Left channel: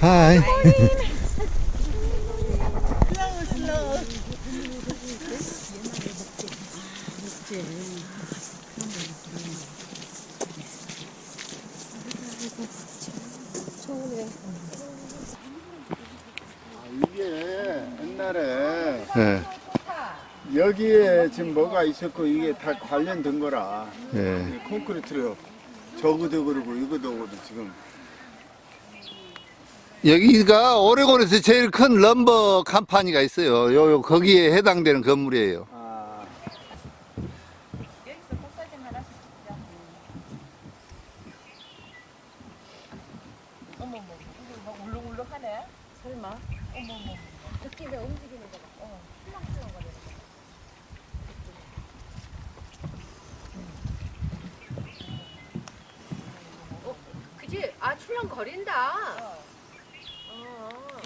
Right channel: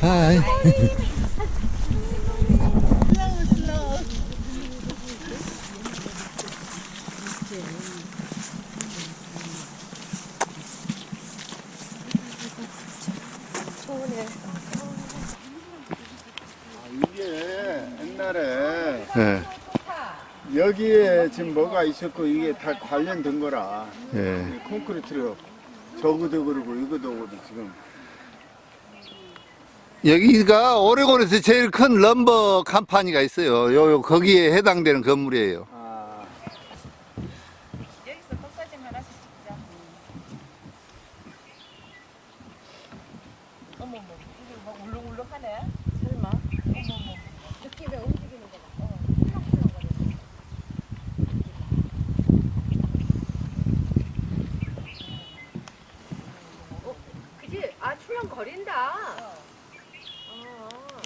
하이. 이게 옛날에 예. 여기에 지금 뭐가 있었고 이게 다 관련된 거라 예. 이 콘크리트로 저거도 그러고 이거도 그러고 지금 여기가 오레곤에서 제일 큰 럼버 컴퍼니가 있어요. 요, 요 거기에 해당되는 건물이에요. 아 여기서 복사진만 하시죠. 어머머, 이게 막 울렁울렁하네. 설마? 어머머. 느낌에 움직이는 거다. 어. 어, 그지? 아, 출렁거린다. 어.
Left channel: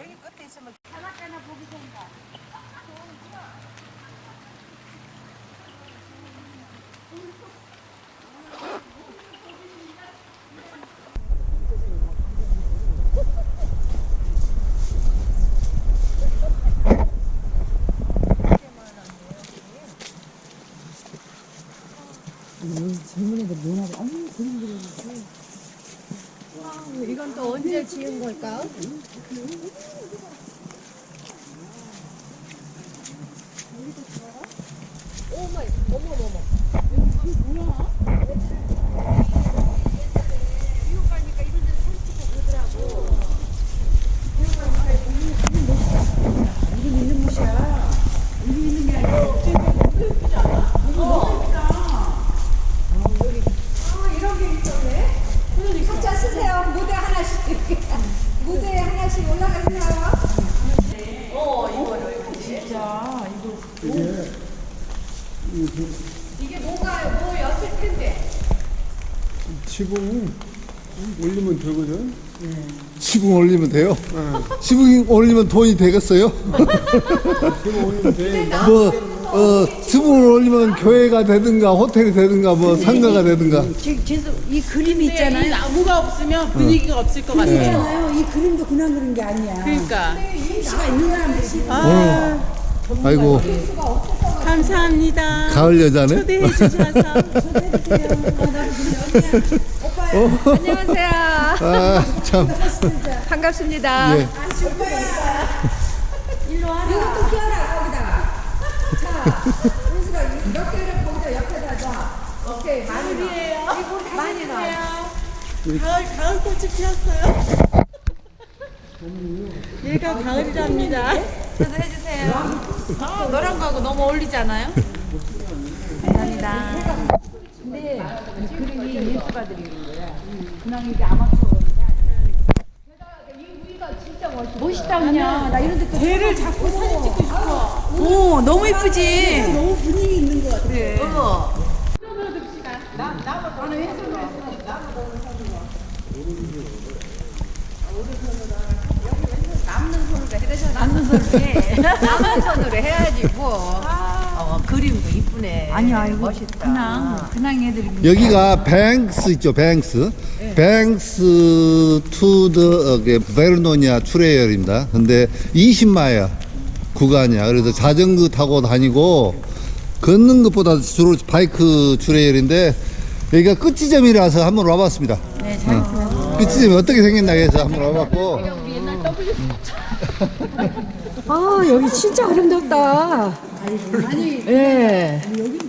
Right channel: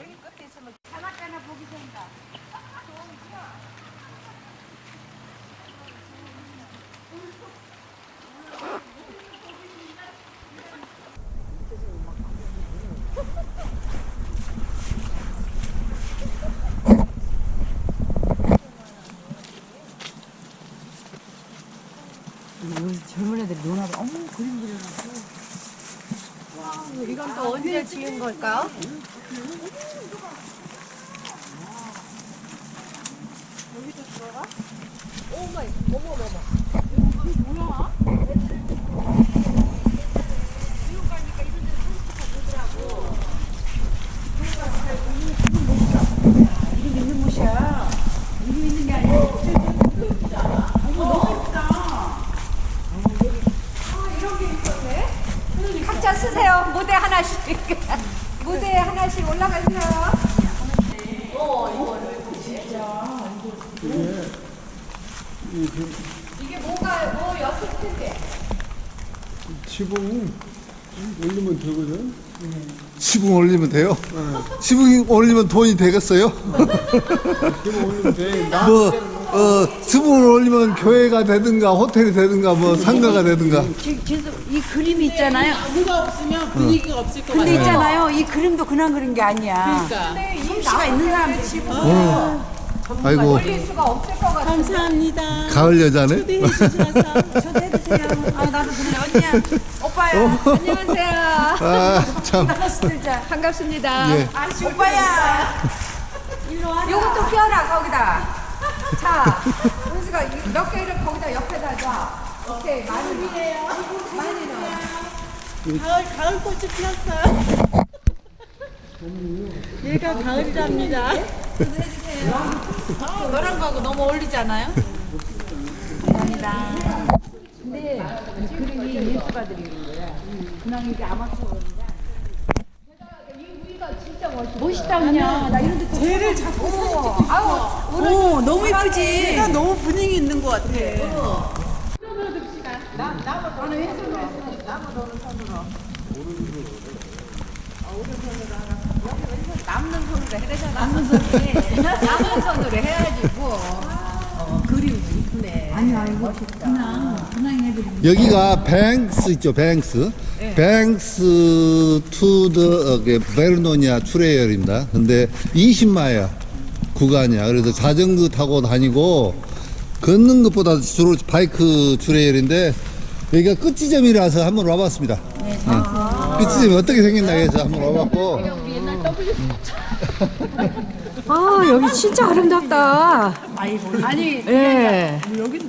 여기 끝에 있으면 사막가나 보기 좋다. 젊은 애들이 논하고 어머 그림 그려놓고 이건 또 언제 지은 걸까? 오마이, 어머머머. 이게 뭐야? 미국 가니까 이런 데를 산책하고 그러더라고. 이게 있는 곳이야 이게 있는 게 아니고 아, 이런 게 있었네? 각자 쓰세요. 무대 하나씩. 무대 하나씩 올라가세요. 이게 뭐가 뭐였을 텐데. 지붕 올리면 되거든 지붕 올리면 돼요? 지붕 올리면 돈이 되겠어요? 지붕 올리면 돼 뭐, 어, 지붕을 올리면 교회가 되든가 호텔이 되든가 뭐 상가가 되든가. 지- 지금 이 그림이 있잖아요 나무가 없으면 분위기가 없을 것 그림 같아요. 있잖아요 이 그림도 그냥 그린 게 아니야 그러니까. 솜씨가 있는 사람들이 오늘, 아이고. 감사합니다. 가을 여자네? 초대해 주셔서. 아 나도 그냥 언니야 오빠야 안녕하세요. 아, 참. 반갑습니다. 예. 아 오빠야 일로 와라 이것도 끼워라 거기다. 자, 은수가 이- 몇 개를 거기다 옆에다 놔. 오케이 많이 넣어. 많이 넣어. 가을, 가을 꽃이 피었어요. 얘가 가을이랍니다. 해주세요. 너랑 가고 너무 어울리지 않아요? 감사합니다. 근데 이 그림이 예술가 드리는 거야. 그냥 이게 아마추어 멋있다 그냥 나 이런 데또 걔를 자꾸 사진 찍고 싶어. 오 너무 이쁘지? 너무 분위기 있는 것 같아. 어머 남는 손으로 해야 되잖아. 남는 손으로 남는 손으로 해야지 뭐. 어, 그림도 이쁘네 아니 아이고 멋있다 그냥 그냥 애들이 여기가 뱅스 있죠, 뱅스. 뱅스 투더 베르노니아 트레이얼입니다. 근데 20마일 구간이야. 그래서 자전거 타고 다니고 걷는 것보다 주로 바이크 트레이얼인데 여기가 끝지점이라서 한번 와봤습니다. 네, 끝지점이 어떻게 생겼나 해서 한번 와봤고 아 여기 진짜 아름답다. 아니 예.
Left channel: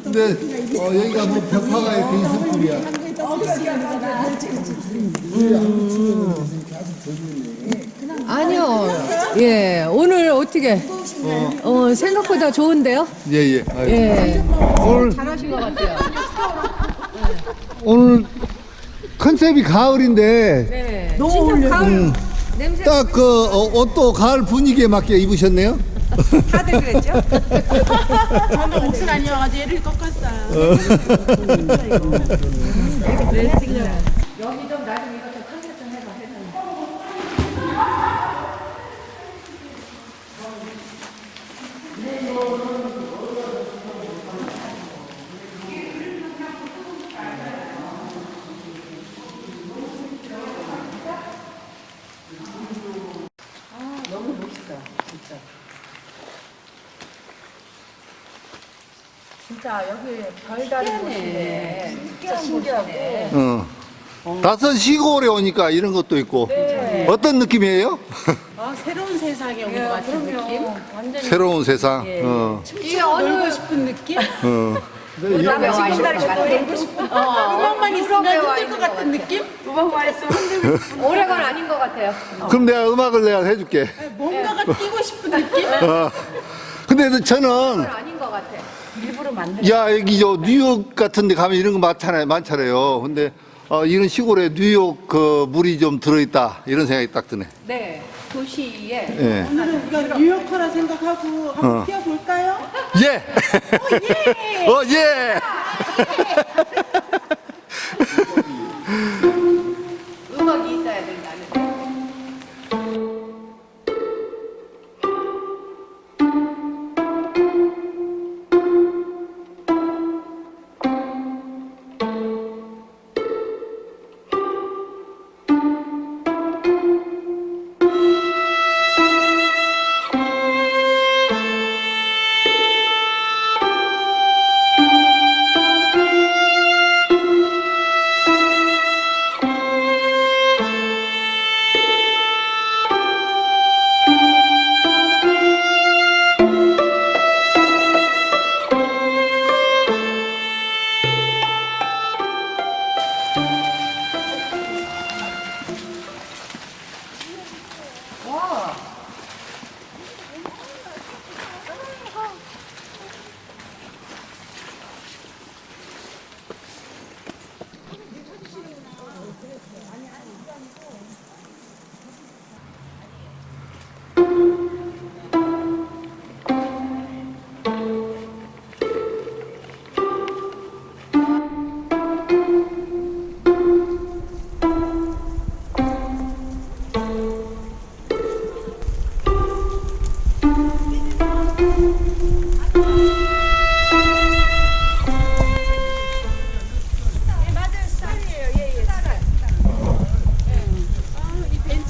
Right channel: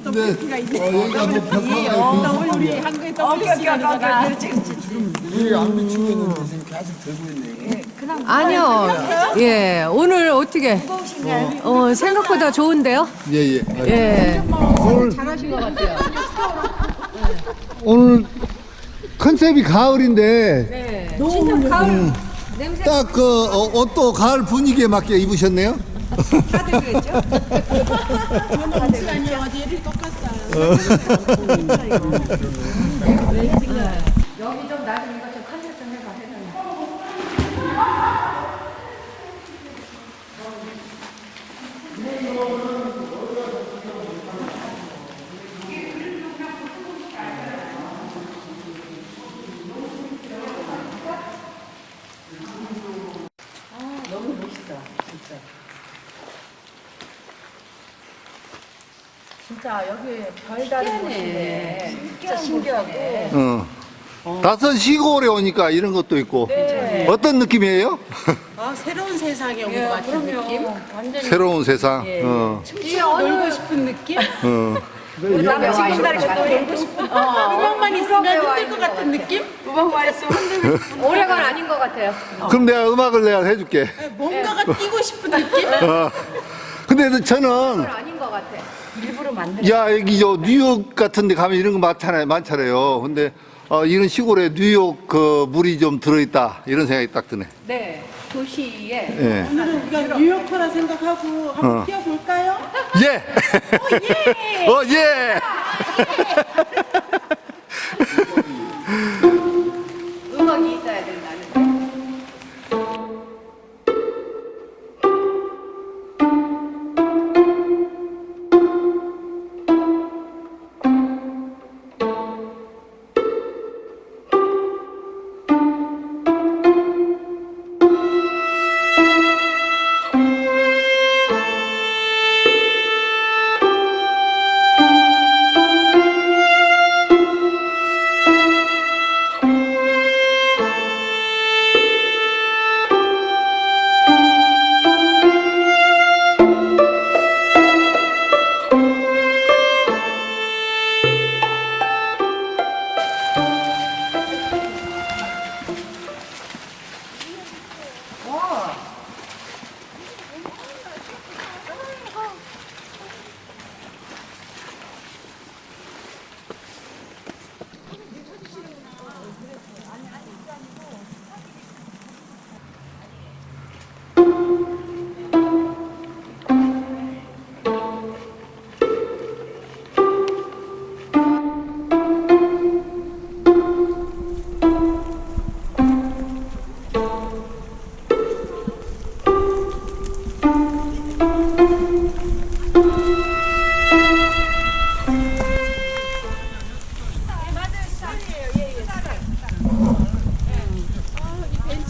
근데 어, 여기가 뭐 벽화가 이렇게 있을 줄이야. 한국에 떠올리시는구나. 아니요. 예. 오늘 어떻게? 어 생각보다 좋은데요? 예, 예. 아이고. 예. 오늘 잘하신 것 같아요. 오늘 컨셉이 가을인데 네. 진짜 가을 냄새 딱 그 옷도 가을 분위기에 맞게 입으셨네요. 다들 그랬죠? 저는 옷을 아니어가지고 얘를 꺾었어요. 여기 좀 나중에 이거 좀 컨셉 좀 해봐. 해서. 진짜 여기 별다른 곳인데 진짜 신기하고 어. 다섯 시골에 오니까 이런 것도 있고. 어떤 느낌이에요? 아, 새로운 세상에 온 것 같은 느낌? 완전히 새로운 세상. 어. 뛰어 놀고 싶은 느낌? 어. 유럽에 와 있는 것 같아. 음악만 있으면 힘들 것 같은 느낌? 음악만 있으면 오래건 아닌 것 같아요. 그럼 내가 음악을 내가 해줄게. 뭔가가 뛰고 싶은 느낌? 어. 근데 저는 아닌 것 같아. 만든. 야 여기 저 뉴욕 같은 데 가면 이런 거 많잖아요 많잖아요 근데 어, 이런 시골에 뉴욕 그 물이 좀 들어있다 이런 생각이 딱 드네 네. 도시에 예. 오늘은 우리가 뉴요커라 생각하고 한번 어. 뛰어볼까요? 예! 어, 예! 음악이 있어야 된다는.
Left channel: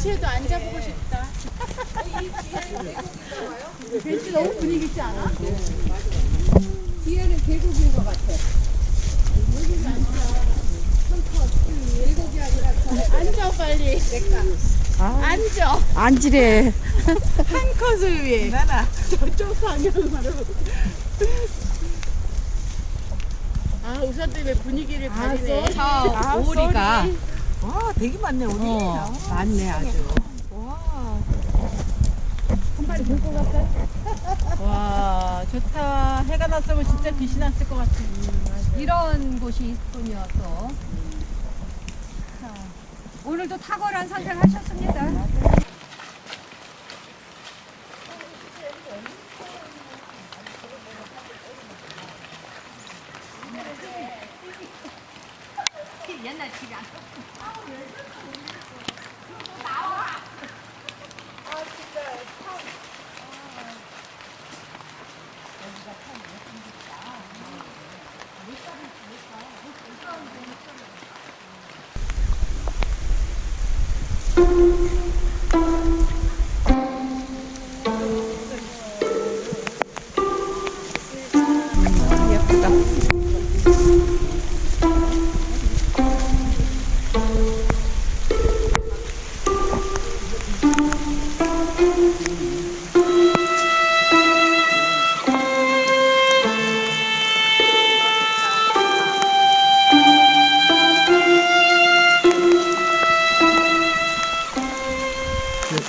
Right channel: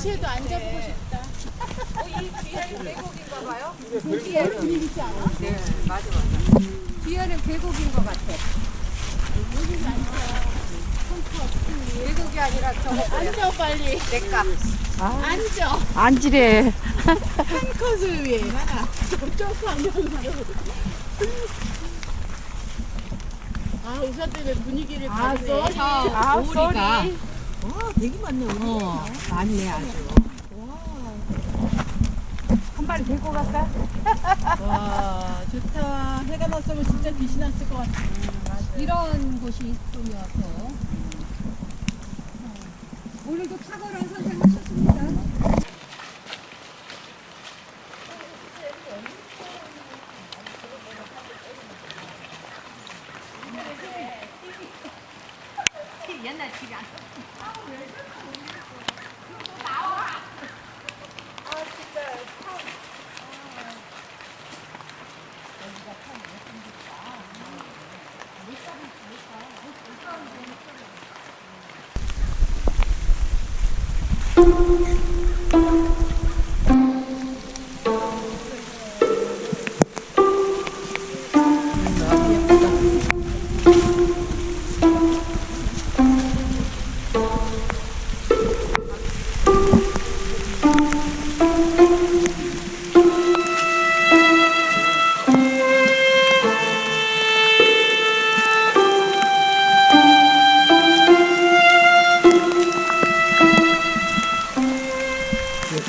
이 벤치에도 앉아보고 싶다. 뒤에는 계곡인 것 같아. 계곡이 아니라 저 앉아 빨리. 내가. 앉아. 안지래. 한 컷을 위해 나나 저쪽 방향으로. 아 우산 때문에 분위기를 가리네. 아, 오리가. 와 되게 많네 우리. 어, 많네 아주. 한 마리 들고 갈까? 와 좋다. 해가 났으면 진짜 빛이 났을 것 같아. 이런 곳이 있군요, 자, 오늘도 탁월한 선택하셨습니다. Okay.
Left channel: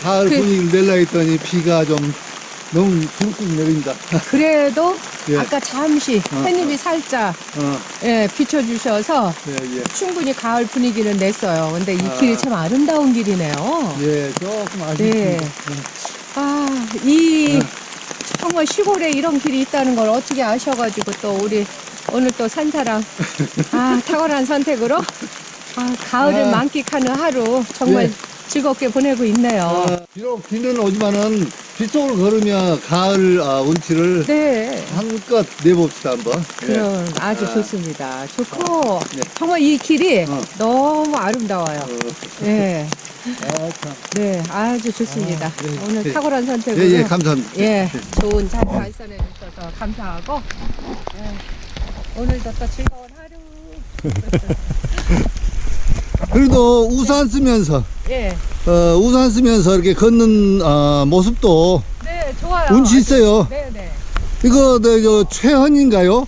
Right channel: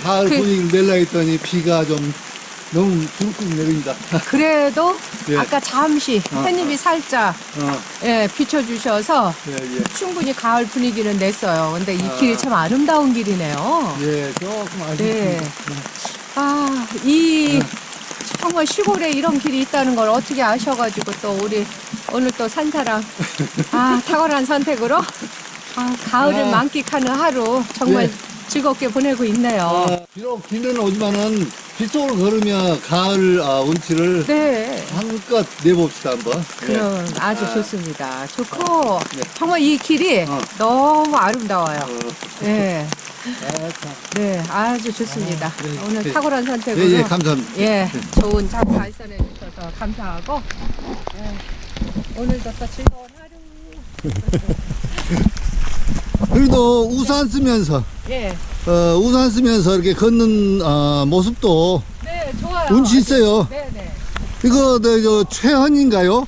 가을 분위기를 내려 했더니 비가 좀 너무 굵굵 내린다 그래도 예. 아까 잠시 어, 햇님이 살짝 어, 예, 비춰주셔서 예, 예. 충분히 가을 분위기는 냈어요. 근데 이 아. 길이 참 아름다운 길이네요. 예, 조금 아쉽습니다 네. 아, 이 정말 시골에 이런 길이 있다는 걸 어떻게 아셔가지고 또 우리 오늘 또 산사랑 아 탁월한 선택으로 아, 가을을 아. 만끽하는 하루 정말 예. 즐겁게 보내고 있네요. 아, 비록 비는 오지만은 빗속을 걸으며 가을 아, 운치를 네. 한껏 내봅시다 한번 예. 그럼 아주 아. 좋습니다. 좋고 네. 정말 이 길이 어. 너무 아름다워요. 어, 네. 네, 아주 좋습니다. 아, 네, 오늘 네. 탁월한 선택으로 예, 예, 감사합니다. 예, 좋은 자리 발산해 주셔서 감사하고 예, 오늘도 또 즐거운 하루. 그래도 우산 쓰면서 예. 어, 우산 쓰면서 이렇게 걷는 어, 모습도 네, 좋아요. 운치 있어요. 네, 네. 이거 네, 저 최헌인가요?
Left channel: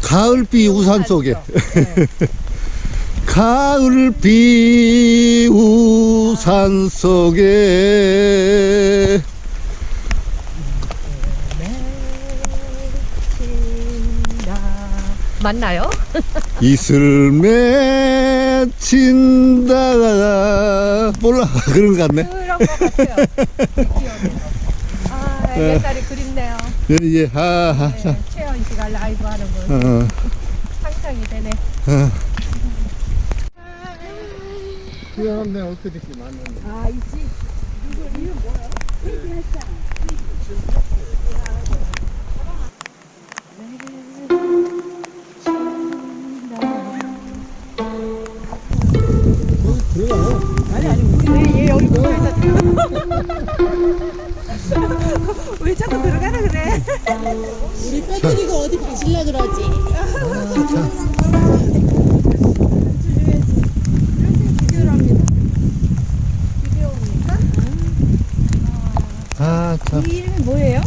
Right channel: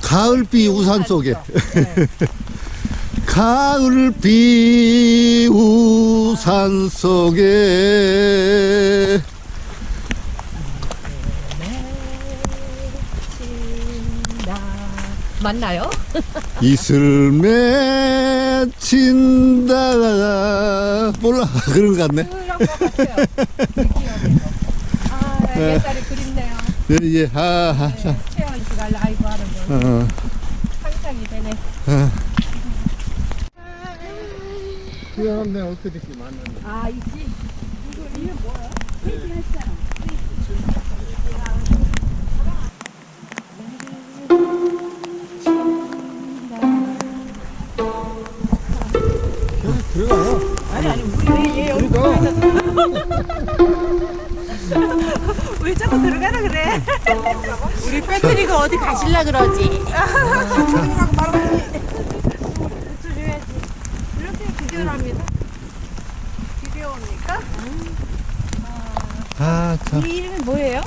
가을비 우산 속에 네. 가을비 우산 속에 맞나요? 이슬 맺힌다 몰라 그런 것 같네 그런 것 같아요. 그 기억에도. 아, 옛날에 그립네요. 예예 하하 자 네, 최현 씨가 라이브 하는 거 어, 상상이 되네. 어. 그런데 어떻게 이렇게 많은데? 아, 있지. 들어가요. 들어가서 왜 자꾸 들어가라 그래? 우리 배터리가 어디 가실라 그러지? 아, 참. 이 이름이 뭐예요?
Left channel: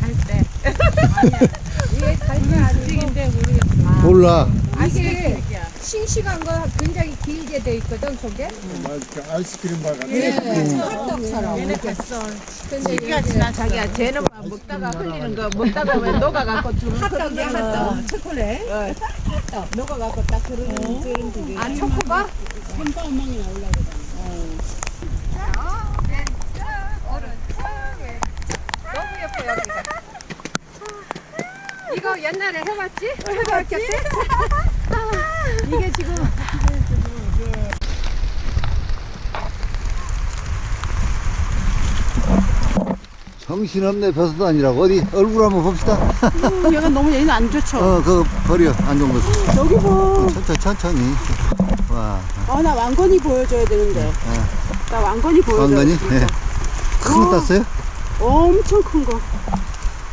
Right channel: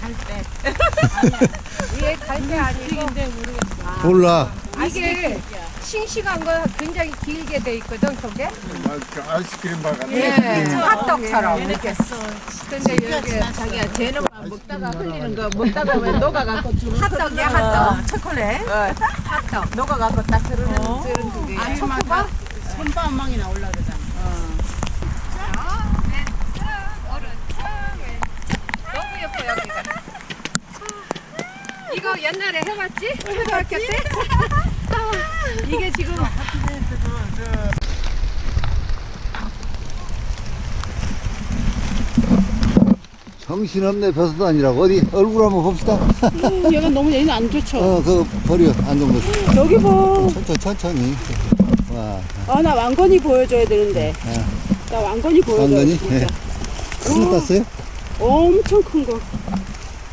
갈대. 위에 갈대 아니고 몰라. 이게 싱싱한 거 굉장히 길게 돼 있거든, 속에. 막 아이스크림 바 같은. 예, 핫떡처럼. 얘네 이렇게. 갔어. 근데 이게 자기야 쟤는 막 먹다가 흘리는 거 먹다가 왜 녹아갖고 핫떡이야, 핫떡. 초콜릿. 핫떡. 녹아갖고 딱 그러는 그런 그게. 아, 초코바? 손바망이 나올라 그러잖아. 왼쪽, 오른쪽, 왼쪽. 너무 예뻐, 여기가. 이거 옛날에 해봤지? 초등학교 때? 이게 지금 정신없네 벼슬도 아니라고 어디 얼굴 한번 봅시다 얘가 너무 얘는 안 좋죠. 어 그거 버려 안 좋은 거 여기 봐. 천천히 천천히 와 아 나 왕건이 보여줘야 되는데. 아, 나 왕건이 보여줘야 왕건이? 진짜. 예. 큰거 땄어요? 엄청 큰 거.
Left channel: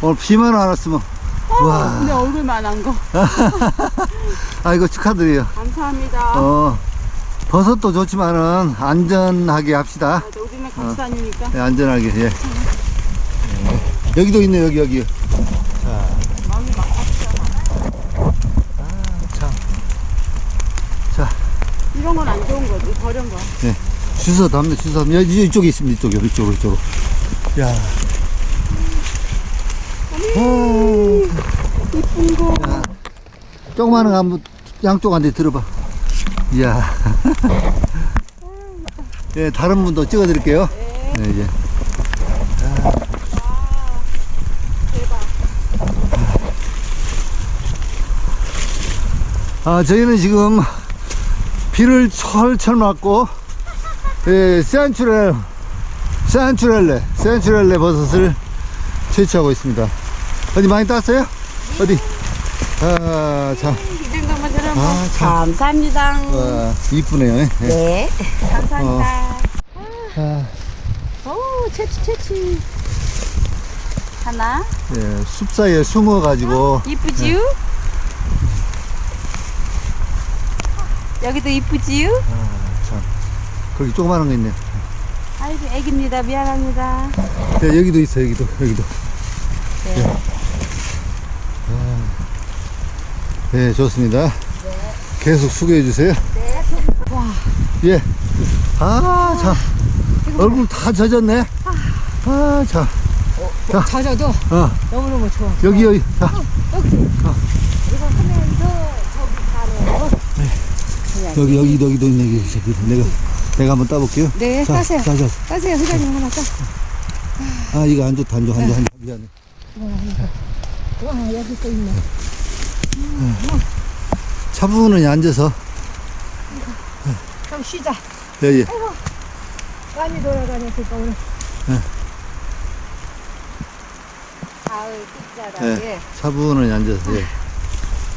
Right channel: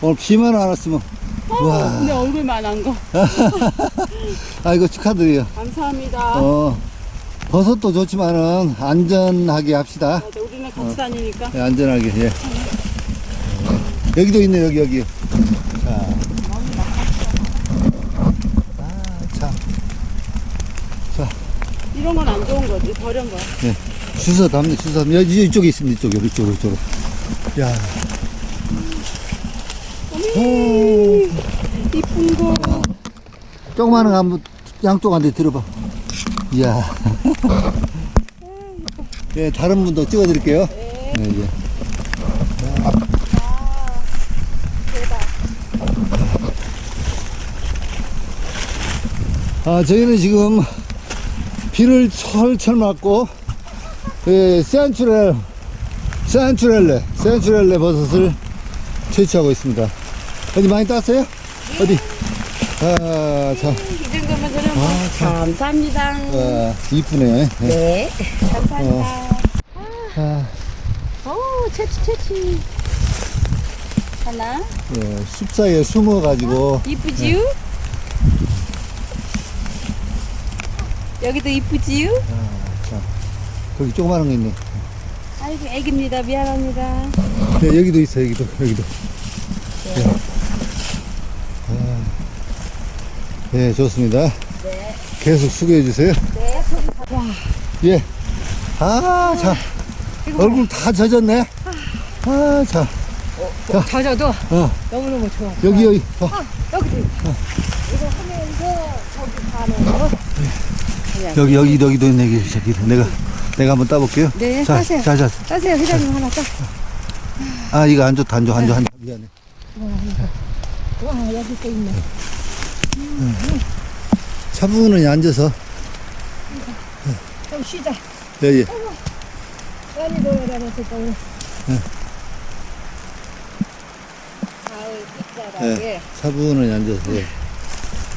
오늘 비만 안 왔으면 와. 내 얼굴만 한 거. 아 이거 축하드려요 감사합니다. 어 버섯도 좋지만은 안전하게 합시다 맞아, 우리는 같이 다니니까. 예, 안전하게 예. 예. 여기도 있네 여기 여기 자 아참 이런 건 안 좋은 거지. 버린 거. 네. 주워 담네, 주워 담네. 이쪽에 있습니다, 이쪽에, 이쪽으로, 이쪽으로. 야. 오, 이쁜 거. 야. 조그마한 거 한번 양쪽한테 들어봐. 이야. 네, 다른 분도 찍어 드릴게요. 네. 네, 이제. 아, 저희는 지금 비를 철철 맞고, 예, 센츄렐, 센츄렐레, 센츄렐레 버섯을 채취하고 있습니다. 어디 많이 땄어요? 어디? 아, 참. 이 정도면 저는 뭐 아, 참. 감사합니다. 와, 이쁘네요. 예. 네. 감사합니다. 아, 오, 채취, 채취. 하나. 예, 숲 사이에 숨어가지고, 이쁘지요? 여기도 이쁘지요? 아, 참. 거기 조그마한 거 있네. 아이고, 애기입니다. 미안합니다. 예, 여기도 있어, 여기도, 여기도. 예. 아, 예, 좋습니다. 계속 수고해 주세요. 와. 예. 아, 참. 얼굴 다 젖었네. 아, 참. 젖어도 어, 너무너무 좋아. 여기, 여기. 자, 여기. 이거 하면서 저기 가는 거. 여기, 여기, 여기도 있네, 여기, 저기. 내가, 내가 한번 따볼게요. 네, 자, 따세요. 자, 자. 따세요, 회장님 하나 따. 아, 이거 안 좋다, 안 좋아, 안 좋아, 안 좋아. 미안해. 와, 여기 또 있네. 차분히 앉아서. 좀 쉬자. 예, 예. 많이 돌아다녔을까, 오늘. 네. 가을 빗자락에 예. 차분히 앉아서, 예.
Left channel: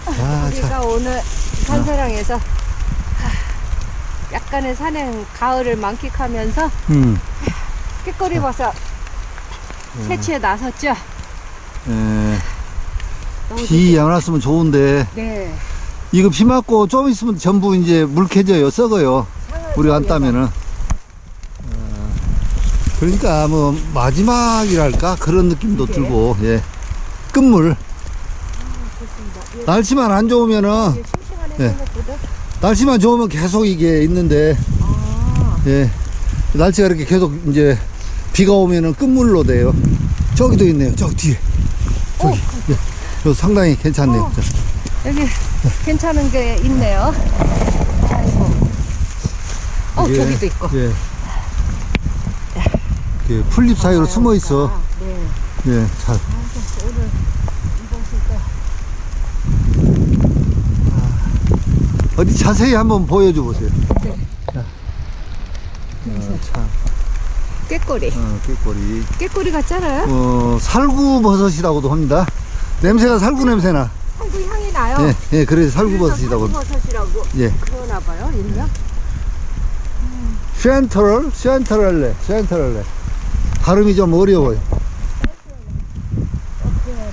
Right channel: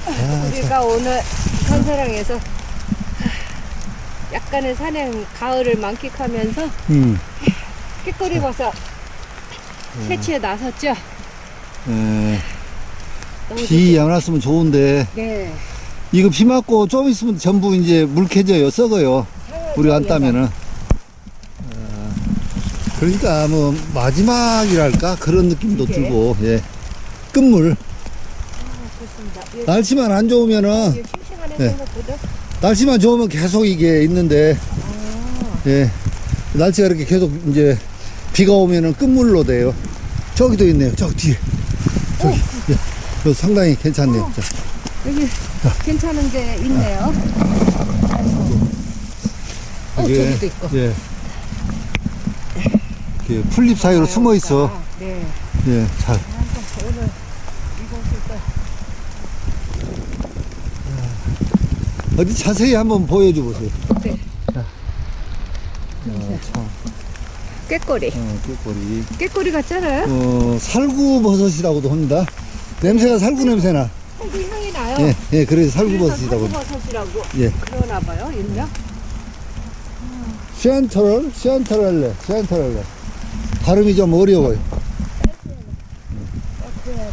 아, 참. 우리가 오늘 산사랑에서 약간의 산행 가을을 만끽하면서 음. 깨꼬리 버섯 채취에 나섰죠. 예. 비 안 왔으면 좋은데. 네. 이거 비 맞고 좀 있으면 전부 이제 물캐져요. 썩어요. 우리가 안 따면은. 어, 그러니까 뭐 마지막이랄까? 그런 느낌도 이게? 들고 예. 끝물. 날씨만 안 좋으면은 이게 싱싱하네 네. 생각보다. 날씨만 좋으면 계속 이게 있는데 아, 예. 날씨가 이렇게 계속 이제 비가 오면은 끝물로 돼요. 저기도 있네요. 저기 뒤에. 저기 예 이거 상당히 괜찮네요 자. 여기 괜찮은 게 있네요. 아이고. 어, 이게, 저기도 있고. 예. 이렇게 풀잎 사이로 숨어 있어. 네. 예, 잘. 아이고, 오늘 이곳을 또 어디 자세히 한번 보여줘 보세요. 네. 자. 어, 참, 깨꼬리. 어, 꾀꼬리. 깨꼬리 같잖아요. 어, 살구버섯이라고도 합니다. 냄새가 살구 냄새나. 살구 향이 나요. 예, 예, 그래서 살구버섯이라고. 합니다. 버섯이라고 예. 그러나 봐요, 일명. 슈안터럴, 슈안터럴레, 슈안터럴레. 발음이 좀 어려워요.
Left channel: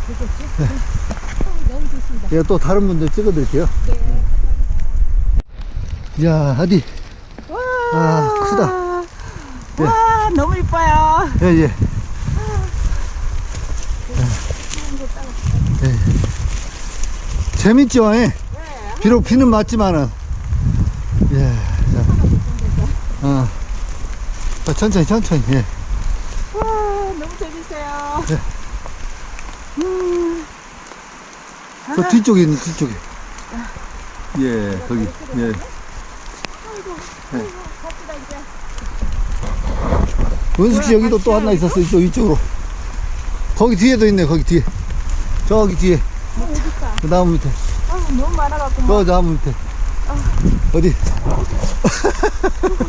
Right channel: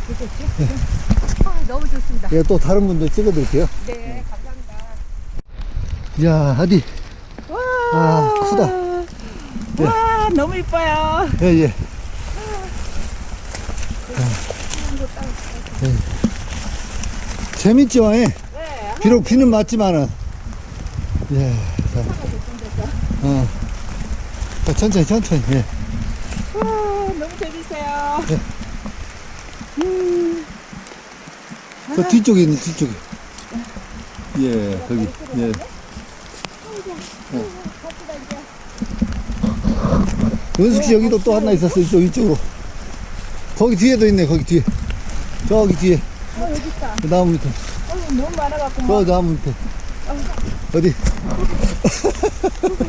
되겠지? 아, 너무 좋습니다. 이거 또 다른 분들 찍어드릴게요. 네, 감사합니다. 야, 어디? 아, 크다. 와 너무 이뻐요. 예, 예. 예. 재밌죠, 예? 비록 비는 맞지만은. 예. 자. 어. 자, 천천히, 천천히, 예. 와 너무 재밌어요. 그 뒤쪽에 있는 뒤쪽에. 예, 거기, 예. 예. 은숙 씨 여기도 또 하나 있었어, 이쪽, 이쪽으로. 거기 뒤에도 있네, 거기 뒤에. 저기 뒤에. 그 나무 밑에. 아, 너무 많아갖고 저 나무 밑에. 어디?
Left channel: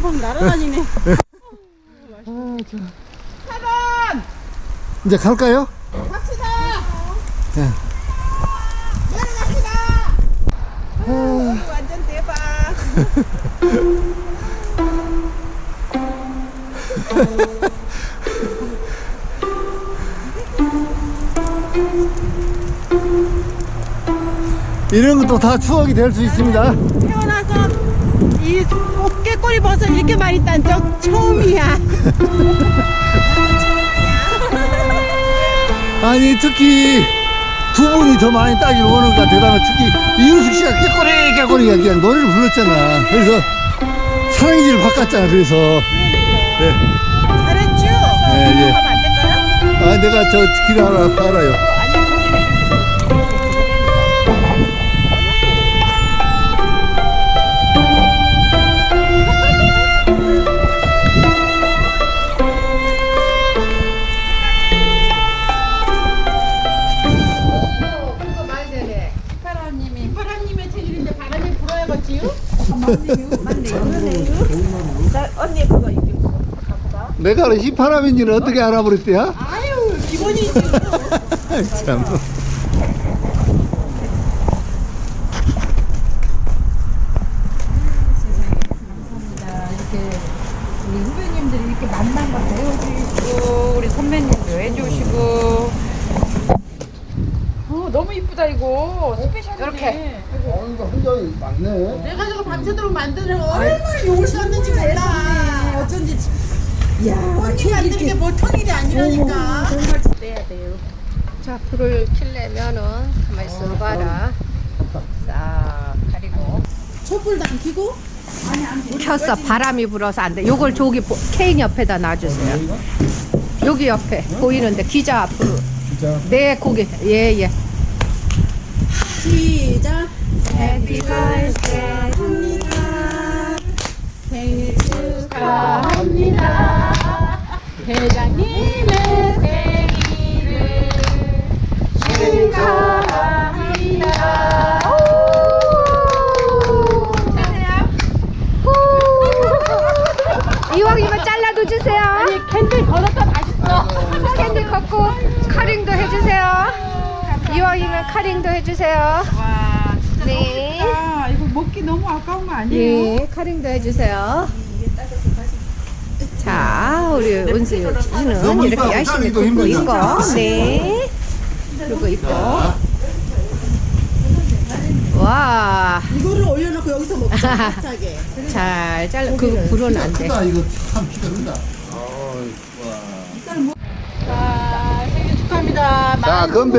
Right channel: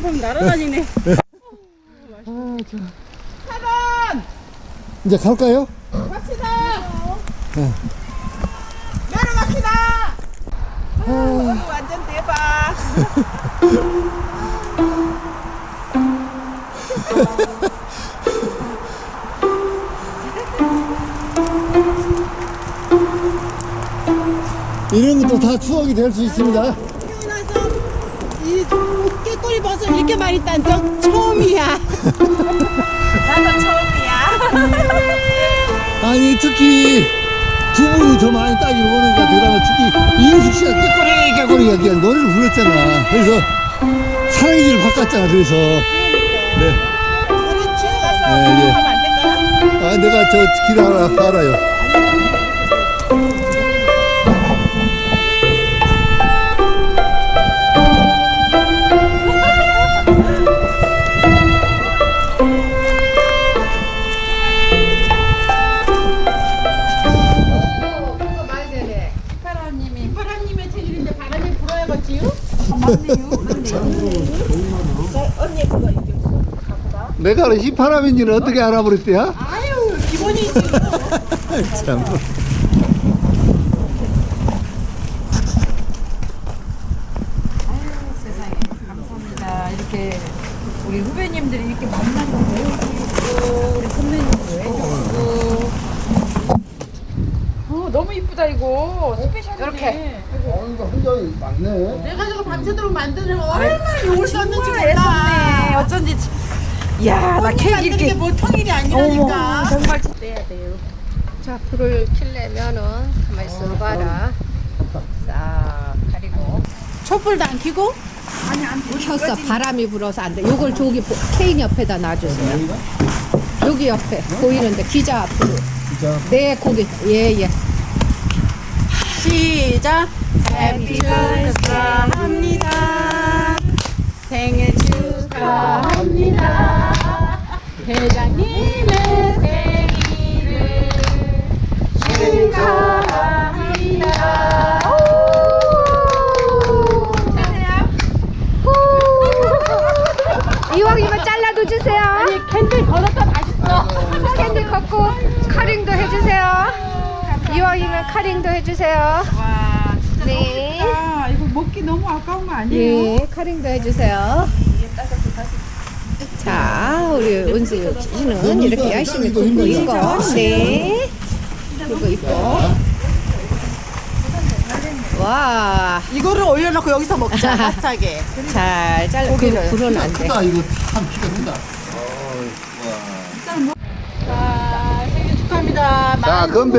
막 날아다니네. 이제 갈까요? 갑시다. 예. 내려갑시다. 아, 완전 대박. 이런 것도 다 추억이 될 수 있습니다. 태어나서 이 깨꼬리 버섯 이렇게 많이 딴 적 처음이야. 나도 처음이야. 아니, 특히 두 분이 더 많이 것 같아요. 그다음에 특히 이은숙 씨가 깨꼬리, 깨꼬리 그냥 노래를 불렀잖아. 그래서 사랑이지를 바꿨잖아. 그래서. 네. 잘했죠? 예, 예. 될까요? 아, 내가 저길 알아, 알아요. 언니 그거 이렇게 내가 휘파람인지는 어떻게 알아버렸대요? 아유 기본이지 참. 세상에 감사합니다. 이렇게 우리 후배님들이 이렇게 만난 걸 배워주시고 우리 선배님도 해주시고 어, 너무 이쁘다 이거 스페셜이네. 이렇게. 혼자 많네. 내가 저거 밤새도록 만드는 얼마나 욕을 썼는지 몰라 어쩐지 이야 나 혼자 케이크 만드는 게 이렇게 보통 일이 아니라니까 정말 자, 불을 켜려면은 가만히 있어봐라. 싹 가리고. 촛불도 안 켜고 켰어. 바람이 불어서 안 돼. 요걸 저기 보- 케인 옆에다 놔주세요. 여기 옆에 보이는데 기자 앞으로. 네, 거기. 예, 예. 시작 Happy birthday 합니다 생일 축하합니다 회장님의 생일을 축하합니다 이왕이면 잘라도 주세요. 아니, 캔들 걸어서 맛있어. 캔들 걷고 카링도 해주세요. 이왕이면 카링도 해주세요. 와 네. 아 이거 먹기 너무 아까운 거 아니에요? 네, 카링도 해주세요. 자, 우리 은수 씨는 이렇게 열심히 굽고 있고, 네. 굽고 있고. 와, 이거를 올려놓고 여기서 먹자. 갑자기. 잘 잘라. 그 불은 안 돼. 크다 이거 참 키가 크다. 자, 생일 축하합니다. 자 건배.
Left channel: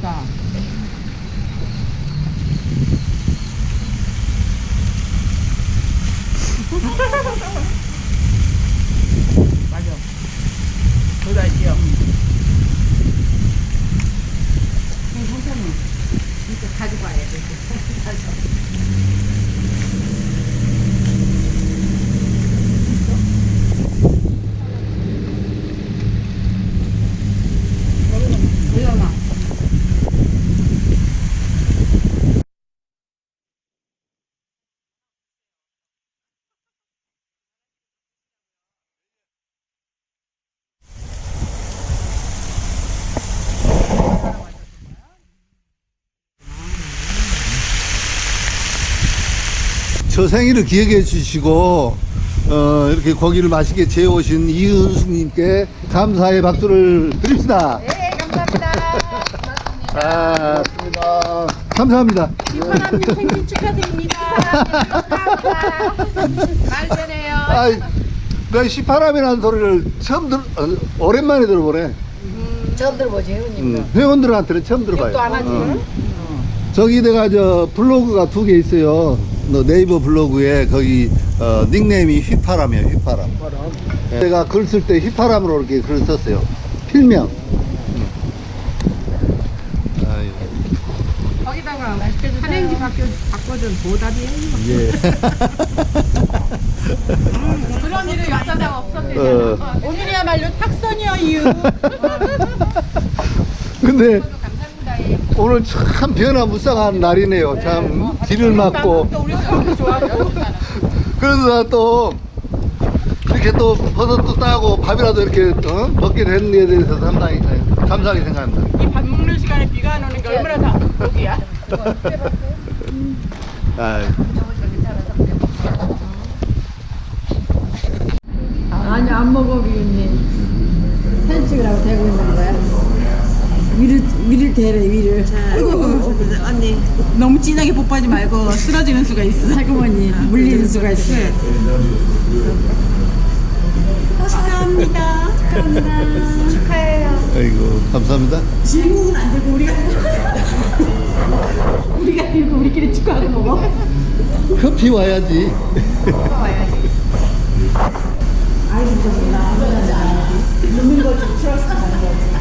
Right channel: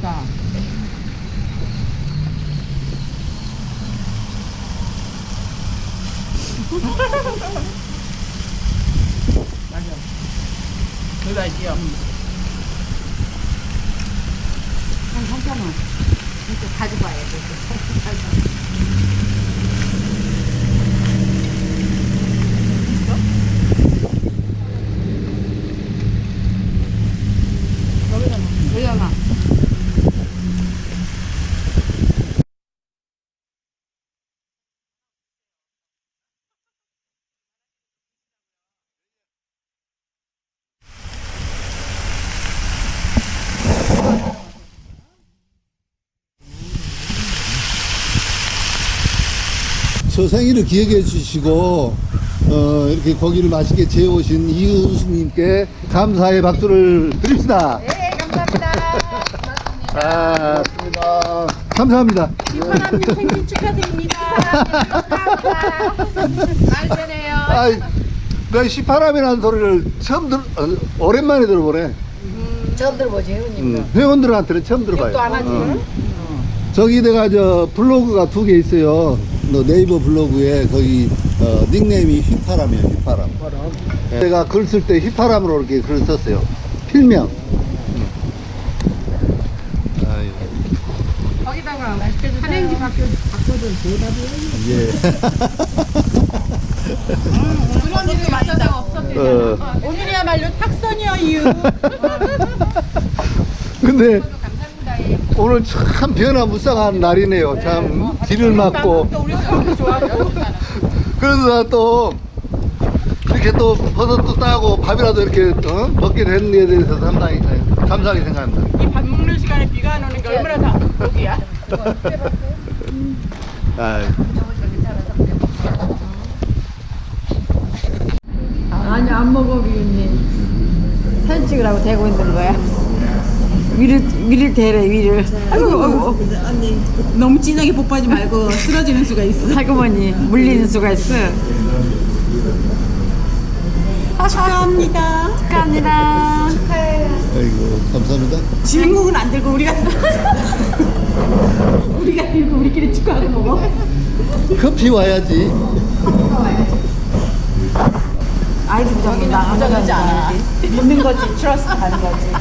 있다. 맞아. 그다 있지요. 한 3,000원. 이렇게 가져가야 돼. 저 생일을 기억해 주시고 어, 이렇게 고기를 맛있게 재워오신 이은숙님께 감사의 박수를 드립시다. 네, 감사합니다. 아, 감사합니다. 감사합니다. 이파람님 생일 축하드립니다. 말 되네요. 아, 내가 시파람이라는 소리를 처음 들, 어, 오랜만에 들어보네. 처음 들어보지, 형님. 음, 회원들한테는 처음 들어봐요. 안 하지. 어. 저기 내가 저 블로그가 두 개 있어요. 너 네이버 블로그에 거기 어, 닉네임이 휘파람이에요. 휘파람. 예. 내가 글 쓸 때 휘파람으로 이렇게 글을 썼어요. 필명. 음. 아유, 거기다가 한행지 바뀌어, 바꿔준 보답이에요. 예. 그런 일이 맞아서 없었대요. 어, 오늘이야말로 탁선이여 이유. 근데 오늘 참 변화무쌍한 날이네요. 참 비를 맞고. 그래서 또 이렇게 또 버섯도 따고 밥이라도 이렇게 어? 먹게 되는 데 대해서 상당히 감사하게 생각합니다. 이 밥 먹는 시간에 비가 안 오는 게 얼마나 다 복이야. 아유. 아니 안 먹어 비윤님 사진 찍으라고 대고 있는 거야 위를 위를 대래 위를 아이고 언니 너무 진하게 뽀뽀하지 말고 쓰러지는 수가 있어. 살구머니 물리는 수가 있어 축하합니다. 아이고 감사합니다. 주인공은 안 들고 우리가 우리가 들고 우리끼리 축하하고 먹어. 커피 와야지. 아이고 감사합니다 아무거나 안 먹는 거지. 트러스 가는 거지.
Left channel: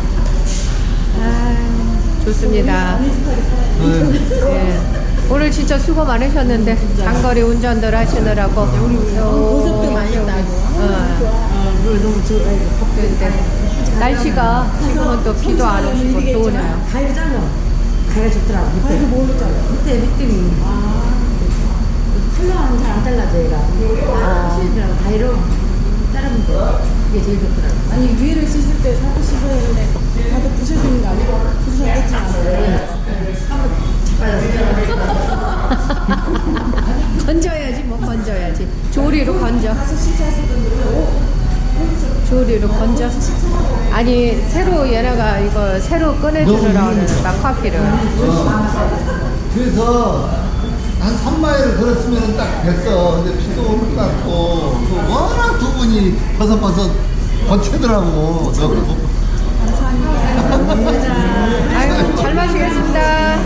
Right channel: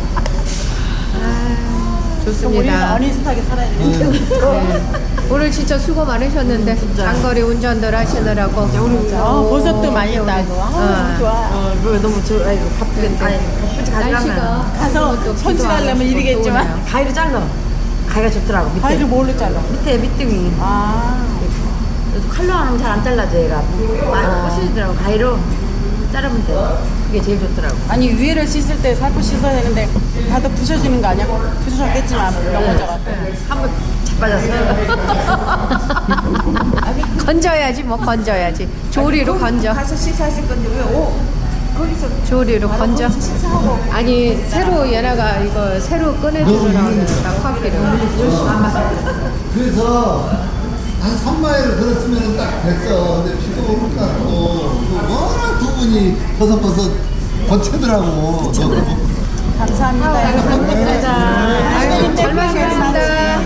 좋습니다. 살아야 돼. 네. 오늘 진짜 수고 많으셨는데 장거리 운전들 하시느라고 어, 버섯도 많이 따고. 아, 좋아. 어, 물 너무 좋아 아이고 근데 날씨가 또 비도 안 선수하려면 오시고. 좋으네요. 가위로 잘라 가위가 좋더라고 밑에 가위를 뭘로 잘라? 밑에 밑둥이 아. 그래서 칼로 하면 잘 안 잘라져 얘가 아, 하시더라고 가위로 자르면 돼 그게 제일 좋더라고 아니 위에를 씻을 때 살포 씻어야 되는데 다들 부셔지는 거 아니야? 부셔졌겠지만 한번 자빠졌어 건져야지 뭐 건져야지. 조리로 건져. 가서 식사하실 분들은 오 조리로 건져. 아니 새로 얘네가 이거 새로 꺼내주느라고 그러니까 커피를. 그래서 한 3마일을 걸었으면 딱 됐어. 근데 비도 오를 것 같고 또 분이 버섯버섯 번채더라고. 저거. 아유 잘 마시겠습니다.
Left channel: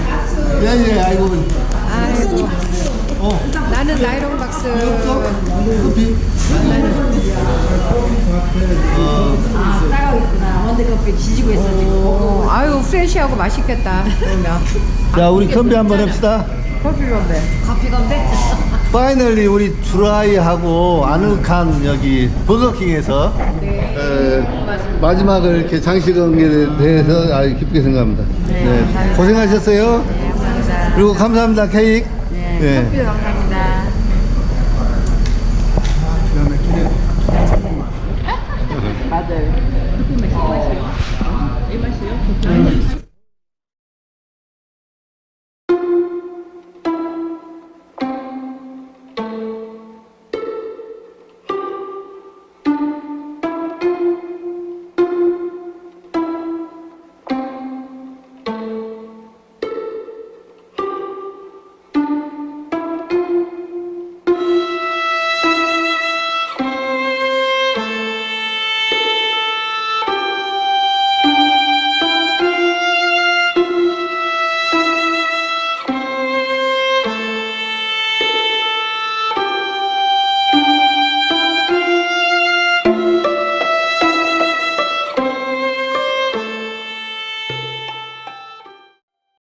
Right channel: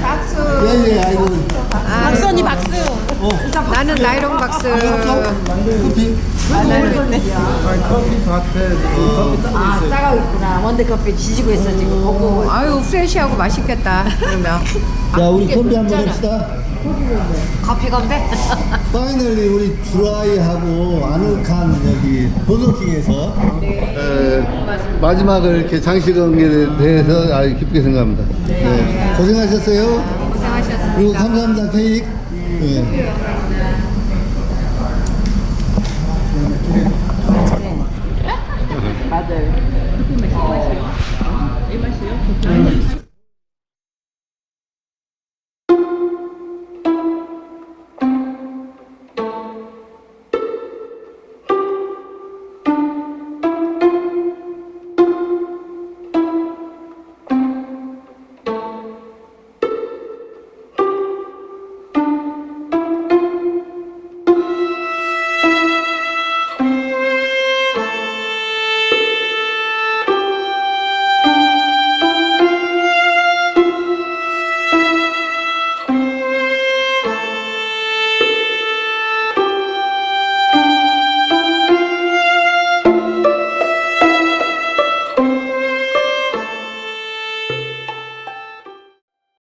예예 아이고. 아, 박선이 박수. 어. 나는 나이롱 박스. 커피. 나는 아 따가고 있구나 원두커피 지지고 있어 지금 오, 아유 프레시하고 맛있겠다. 그러면 자 우리 건배 한번 합시다. 커피 건데. 커피 건데? 파이널리 우리 드라이하고 아늑한 여기 버거킹에서 네. 마지막을 이렇게 장식한 게 대해서 아주 기쁘게 생각합니다. 네. 네. 고생하셨어요. 고생하셨습니다. 그리고 감사합니다 케이크. 네. 네. 네. 네. 맞아요. 아, 이 맛이요? 이 맛이요?